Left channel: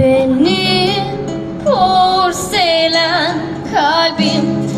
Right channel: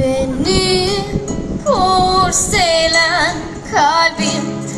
Benim porselen kalbim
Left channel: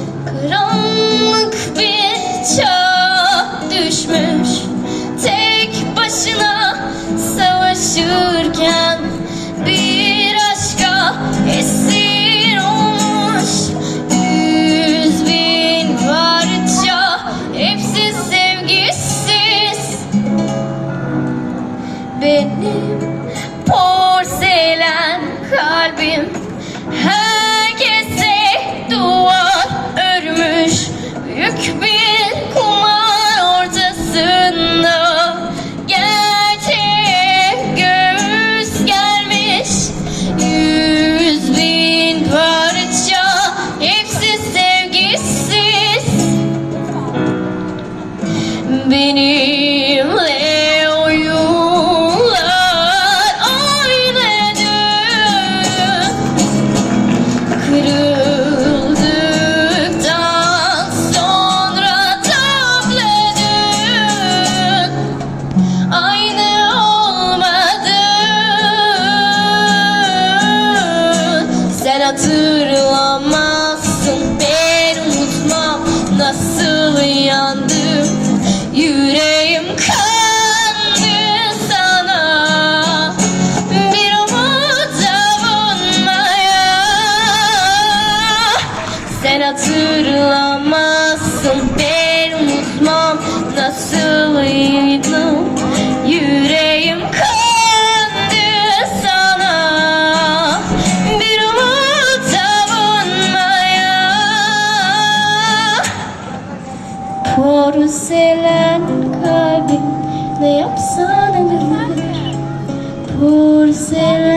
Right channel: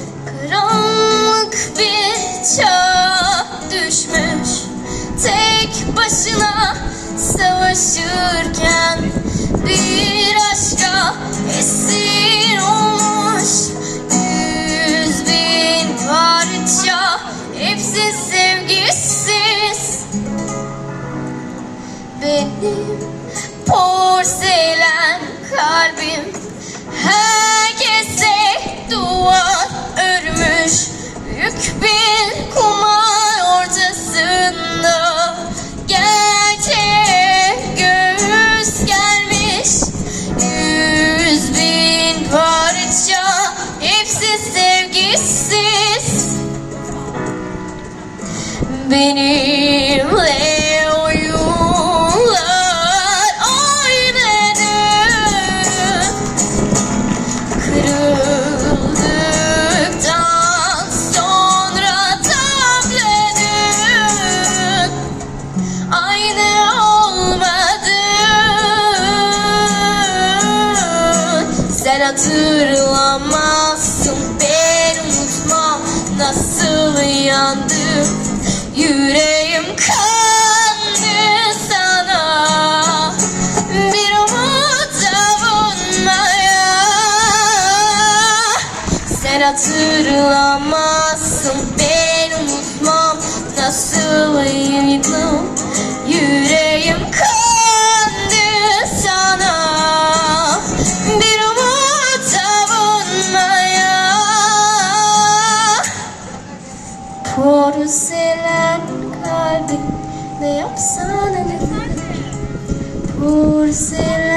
Benimle oyunlar oynadı Kırıldıktan sonra tabladın Aynı olmadın Sen hatırlamazsın ben hatırlamazsın. Ben unutmam Nasılydım Yüreğim kandı sana. Bir umut savunmaya. Porselen kalbin ne yapsan edilir Porselen